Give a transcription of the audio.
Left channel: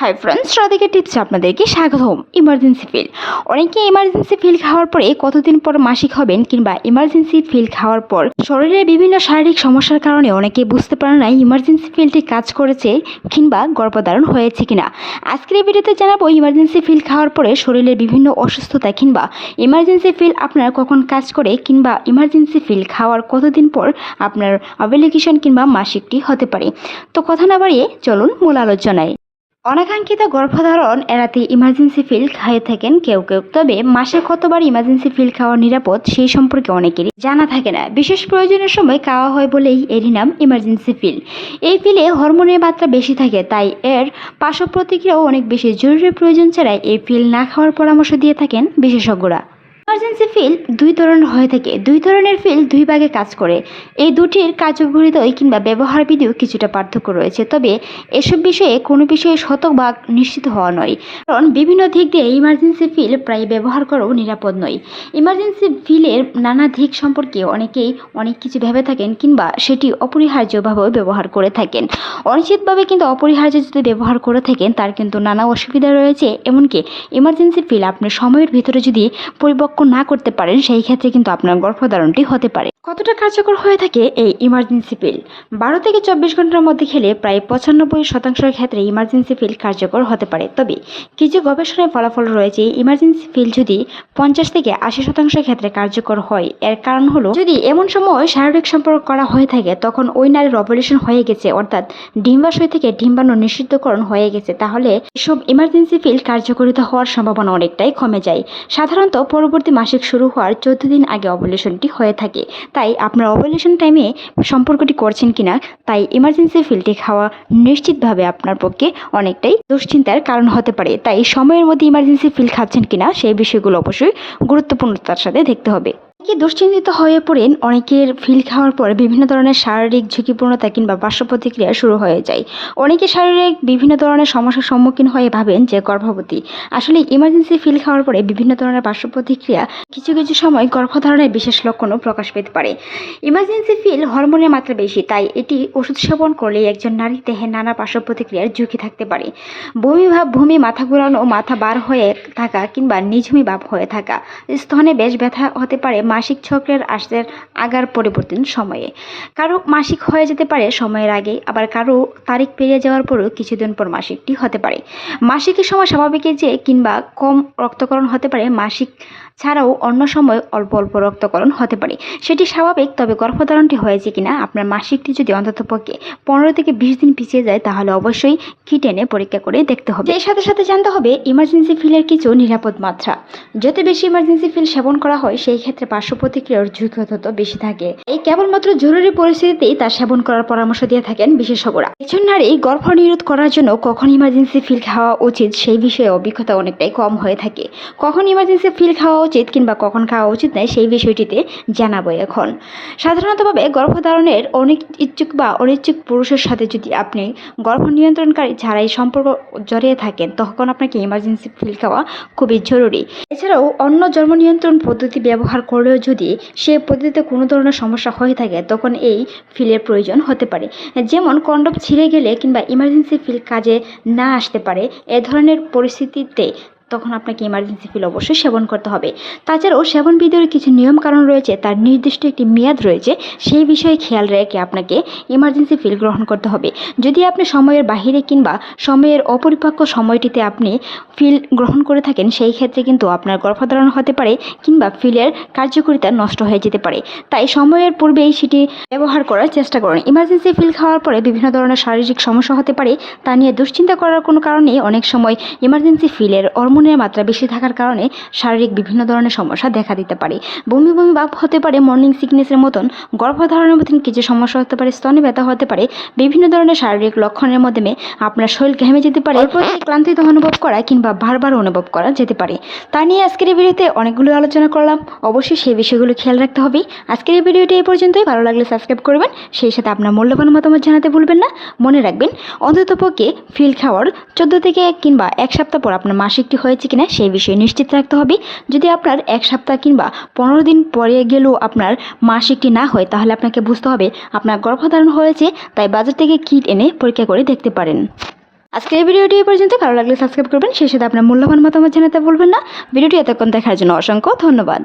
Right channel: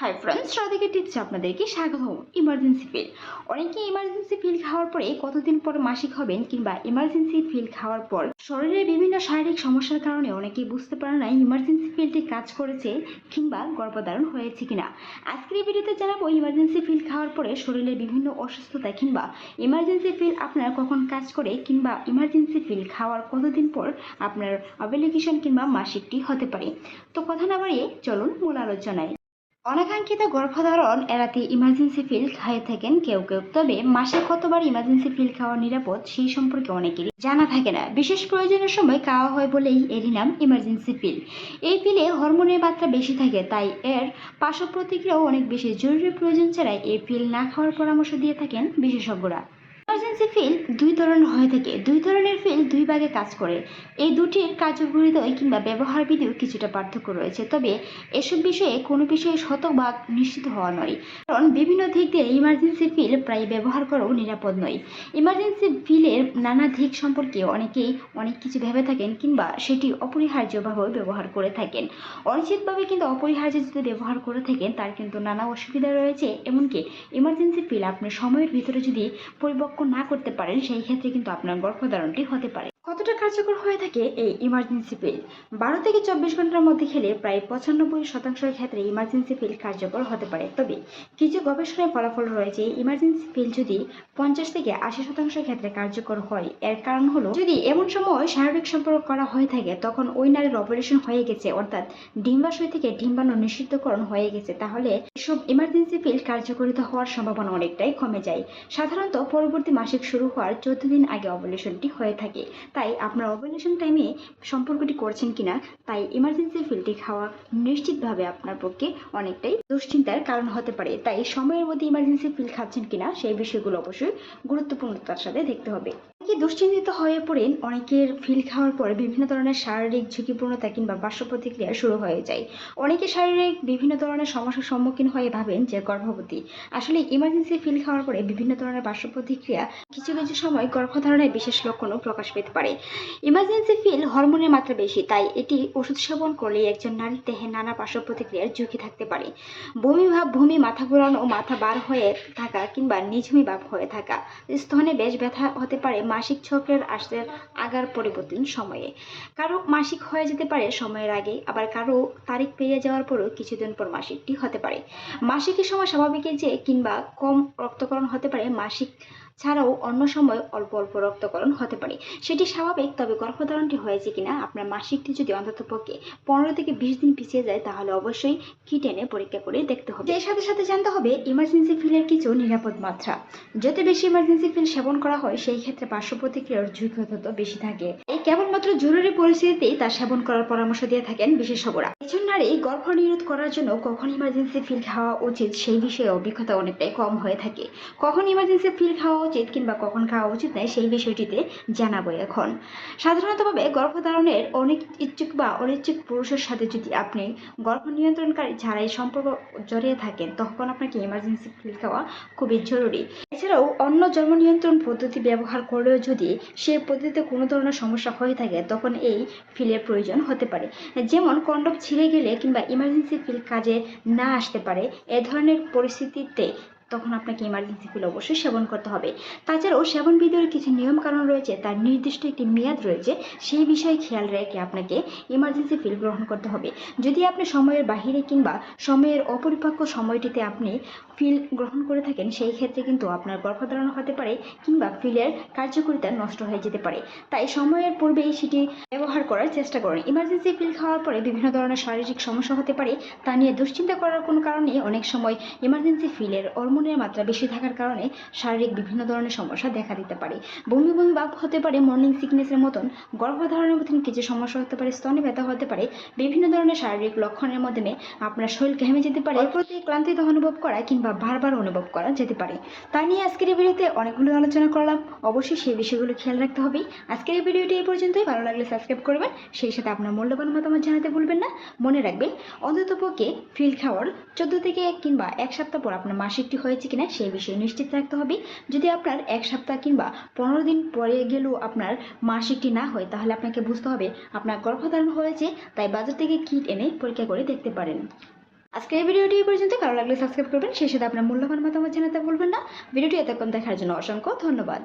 Hi friends Radhika টিপসে আপনাদেরকে স্বাগতম। ইমার্জেন্সি ফিল অনেকে ইমার্জেন্সি ফিল খাওয়ার পরে কতদিন পর মাসিক হবেন কিংবা ইমার্জেন্সি ফিল খাওয়ার পর শরীরের বিভিন্ন শারীরিক সমস্যার কারণে অনেকে বুঝতে পারে না ইমার্জেন্সি ফিলটি কাজ করেছে কিংবা গর্ভধারণ হয়েছে কিনা। আজকের এই ভিডিওতে জানাব ইমার্জেন্সি ফিল খাওয়ার পরে শরীরের বিভিন্ন অসুস্থতা কিংবা ইমার্জেন্সি ফিল আপনার কখন কাজ করে কিংবা ইমার্জেন্সি ফিল খাওয়ার কতদিন পর আপনার অ্যাপ্লিকেশন কিংবা মাসিকটি হতে পারে। তো কথা না বাড়িয়ে চলুন মূল আলোচনায়। অনাকাঙ্ক্ষিত গর্ভধারণ এড়াতে ইমার্জেন্সি ফিল খাইয়ে থাকেন কেউ কেউ। তবে মাসে কতবার ইমার্জেন্সি ফিল খাওয়া নিরাপদ সেই সম্পর্কে অনেকেরই জানা থাকে না। বিশেষ প্রয়োজনের সময় খাওয়া হয় বলেই এরই নাম ইমার্জেন্সি ফিল এই ফিলে হরমোনের মাত্রা বেশি থাকে, তাই এর পার্শ্ব প্রতিক্রিয়াও অনেক বেশি। জরুরি প্রয়োজন ছাড়াই এই ফিল না খাওয়ার পরামর্শ দিয়ে থাকেন বিশেষজ্ঞরা। ইমার্জেন্সি ফিল দুই ধরনের হয়ে থাকে। দুই ধরনের ফিল দুই ভাগে কাজ করে। এই দুটির কার্যকরিতায় কিংবা ব্যবহার বিধিও কিছুটা পার্থক্য রয়েছে। তবে এসব বিষয়ে কোনো বিষয়ে শতভাগ নিশ্চিত হওয়া নয়। কারণ বিভিন্ন দিক দিয়ে ইমার্জেন্সি ফিল প্রায় ব্যবহার করাও নিরাপদ নয়। ইমার্জেন্সি ফিলের নানা দিক সম্পর্কে অনেকেই অনেক কিছু ভেবে থাকেন কিংবা সেটি অপরিহার্যভাবেও ব্যবহার করে থাকেন। অনিশ্চিতভাবে কিন্তু অপরিহার্য যদি ব্যবহার করে থাকেন, তার কিন্তু নানা অসুবিধা রয়েছে। এমনকি ইমার্জেন্সি ফিল আপনি সময়ের ভিতরে যদি পরিপক্ক না করতে পারেন সেই ক্ষেত্রে কিন্তু আপনার গর্ভধারণটি হতে পারে। কতটা কার্যকর হয়ে থাকে এই ইমার্জেন্সি পিল বারো থেকে চব্বিশ ঘণ্টার মধ্যে খেলে প্রায় পঁচানব্বই শতাংশের ক্ষেত্রে ইমার্জেন্সি পিল কার্যকর হতে পারে। তবে কিছু গবেষণায় ফলাফল রয়েছে ইমার্জেন্সি পিল যদি পঞ্চাশ থেকে আশি শতাংশের ক্ষেত্রে কার্যকর হয়, এর কারণ হলো যদি এমন সময় শারীরিক সম্পর্ক করা হয়ে থাকে, তখন ওই নারীর অপারেশন হয়ে গেছে, অর্থাৎ ডিম্বাশয় থেকে ডিম্বাণু নিষিদ্ধকরণ হয়ে গেছে, তাহলে এসব ইমার্জেন্সি পিল কার্যকরিত হওয়ার সম্ভাবনা অনেকটাই কমে যায়। সাধারণত পরবর্তী মাসিক শুরু হওয়ার চোদ্দ দিন আগে অপারেশনটি হয়ে থাকে। তাই আপনার অপারেশন টাইমে সম্পর্কটি করছেন কিনা, তাই ইমার্জেন্সি ফিল্ডে খাওয়া নিশ্চিতভাবে আপনার পক্ষে অনেকটাই দুশ্চিন্তার কারণ হতে পারে। তাই সময়ের মধ্যে ইমার্জেন্সি ফিল খাচ্ছেন কিনা, সেই বিষয়গুলো অবশ্যই গুরুত্বপূর্ণতার সাথে দেখতে হবে। অনেকে দুশ্চিন্তিত হয়ে পড়েন, অনেকের ফিল খাওয়ার পর বিভিন্ন ধরনের শারীরিক ঝুঁকিপূর্ণতা কিংবা পার্শ্ব প্রতিক্রিয়া শুরু হয়ে যায়। অনেকে শারীরিক বিভিন্ন ধরনের সমস্যার সম্মুখীন হয়ে ভাবেন যে, গর্ভবতী। আসলে ইমার্জেন্সি ফিল খাওয়ার পরে বিভিন্ন ধরনের পার্শ্ব প্রতিক্রিয়া কিছু কিছু সময় গর্ভধারণের বিশেষ লক্ষণও প্রকাশ পেতে পারে। ইমার্জেন্সি ফিল হরমোনের মাত্রা বেশি, তাই এটি ওষুধ সেবন করলে একজন নারীর দেহে নানা পার্শ্ব প্রতিক্রিয়ার ঝুঁকি থাকতে পারে। বমি ভাব ভূমি মাথা ঘোরানো, মাথা বার হয়ে থাকা কিংবা নিঝুমি ভাব হয়ে থাকা, স্তনে বেশ ব্যথা হতে পারে মাসিক চক্রের আসতে আগার পরিবর্তন সময়ে। কারও মাসিক হয়ে যেতে পারে সময়ের আগে আবার কারও তারিখ পেরিয়ে যাওয়ার পরেও কিছুদিন পর মাসিকটি হতে পারে। মাসিকের সময় স্বাভাবিকের যে, কিংবা কম রক্তকরণ হতে পারে মাসিক ছাড়াও অন্য সময় অল্প অল্প রক্তকরণ হতে পারে। সেটি স্বাভাবিক, তবে গর্ভধারণটি হয়েছে কিনা আপনার মাসিকটি যদি অন্ততপক্ষে পনেরো থেকে বিশ দিন পিছিয়ে যায়, তাহলে অবশ্যই কিট এনে পরীক্ষা করে দেখতে হবে। এর সাথে সাথে জানতে হবে ইমার্জেন্সি ফিলের কিছু নিরাপদ মাত্রা। যত বেশি ইমার্জেন্সি ফিল সেবন করা হয়, সেই ক্ষেত্রে পার্শ্ব প্রতিক্রিয়ার ঝুঁকি তত বেশি থাকে। এই কেবলমাত্র জরুরি পরিস্থিতিতেই তা সেবন করার পরামর্শ দিয়ে থাকেন বিশেষজ্ঞরা। একজন নারী গর্ভ নিরোধ করার জন্য কখন ইমার্জেন্সি ফিল খাওয়া উচিত, সেই বিষয়ে অভিজ্ঞতা অনেকটাই কম হয়ে থাকে। কখন ইমার্জেন্সি ফিল খাওয়া উচিত কিংবা কখন খাওয়া উচিত নয় সেই বিষয়টিতে জানাব এখন। সাধারণতভাবে গর্ভধারণের অনেক ইচ্ছুক বা অনিচ্ছুক পুরুষের সাথে যদি আপনি গর্ভ নিয়ন্ত্রণকারী ছাড়াই সম্পর্ক জড়িয়ে থাকেন, তখন আপনাকে ইমার্জেন্সি ফিল খাওয়া খুবই জরুরি। এছাড়াও অন্য জন্ম নিয়ন্ত্রণ পদ্ধতি ব্যবহার করলেও যদি সে পদ্ধতিতে কোনো ধরনের সমস্যা হয়ে থাকে, তখন এই ফিলের প্রয়োজন হতে পারে। যেমন কন্ডম ছিঁড়ে গেলে কিংবা ইমার্জেন্সি ফিল কাজে না আসতে পারে, এ ধরনের পরিস্থিতিতে তখন আপনাকে ইমার্জেন্সি ফিল অবশ্যই সেবন করতে হবে। তাছাড়াও সেবন বিধির কিছু নিয়ম কারণ রয়েছে, তার নির্দিষ্ট একটি মেয়াদ রয়েছে, সেই বিষয়ে খেয়াল রেখে আপনাকে ইমার্জেন্সি ফিল গ্রহণ করতে হবে। যদি আপনি সময়ের বাহিরে কিংবা সময়ের অপরিপক্ক সময়টিতে আপনি ফিল গ্রহণ করে থাকেন, সেই ক্ষেত্রে কিন্তু আপনার গর্ভধারণ হতে পারে কিংবা ফিলের কার্যকারিতা নষ্ট হয়ে যেতে পারে। তাই সময়ের পূর্বেই সেটি ব্যবহার করার চেষ্টা করুন। ইমার্জেন্সি ফিল খাওয়ার পরে বিভিন্ন ধরনের শারীরিক সমস্যা হতে পারে, তা নিয়ে দুশ্চিন্তা করার কোনো কারণে অনেক সময় ইমার্জেন্সি ফিলের হরমোনের মাত্রা বেশি থাকার কারণে শারীরিক বিভিন্ন ধরনের সমস্যা দেখা দিতে পারে। বমি বমি ভাব হতে পারে মর্নিং সিকনেসের মতন গর্ভধারণের মতন কিছু সমস্যা হতে পারে স্তনে ব্যথা হতে পারে বিভিন্ন ধরনের শারীরিক লক্ষণের মাধ্যমে আপনার শরীর ঘেমে যেতে পারে ক্লান্তিত অনুভব করা কিংবা বারবার অনুভব করা যেতে পারে। তা নিয়ে আজকের এই ভিডিওতে অনেকগুলো আলোচনা করলাম। অবশ্যই সেই বিষয়গুলো খেয়াল রাখতে হবে। আজকের এই ভিডিওটি এই পর্যন্তই। ভালো লাগলে সাবস্ক্রাইব করবেন। সেই সাথে আপনার মূল্যবান মতামত জানাতে ভুলবেন না। মনে রাখবেন অন্ততপক্ষে ফিল খাওয়ার চোদ্দ থেকে কিংবা এক সপ্তাহ পর আপনার মাসিকটি হয়েছে কিনা সেই বিষয়ে নিশ্চিত রাখতে হবে। যদি আপনার এক সপ্তাহ কিংবা পনেরো দিন পরে গেলেও আপনার মাসিকটি না হয়, তাহলে আপনাকে বুঝতে হবে আপনার গর্ভধারণ হয়েছে, তাই বাজার থেকে কিট এনে পরীক্ষা করে দেখতে পারেন। আজকের এই ভিডিওটি এই পর্যন্ত। ভালো লাগলে সাবস্ক্রাইব করবেন। সেই সাথে আপনার মূল্যবান মতামত জানাতে বলবেন না। ভিডিওটি এতক্ষণ দেখার জন্য অসংখ্য ধন্যবাদ।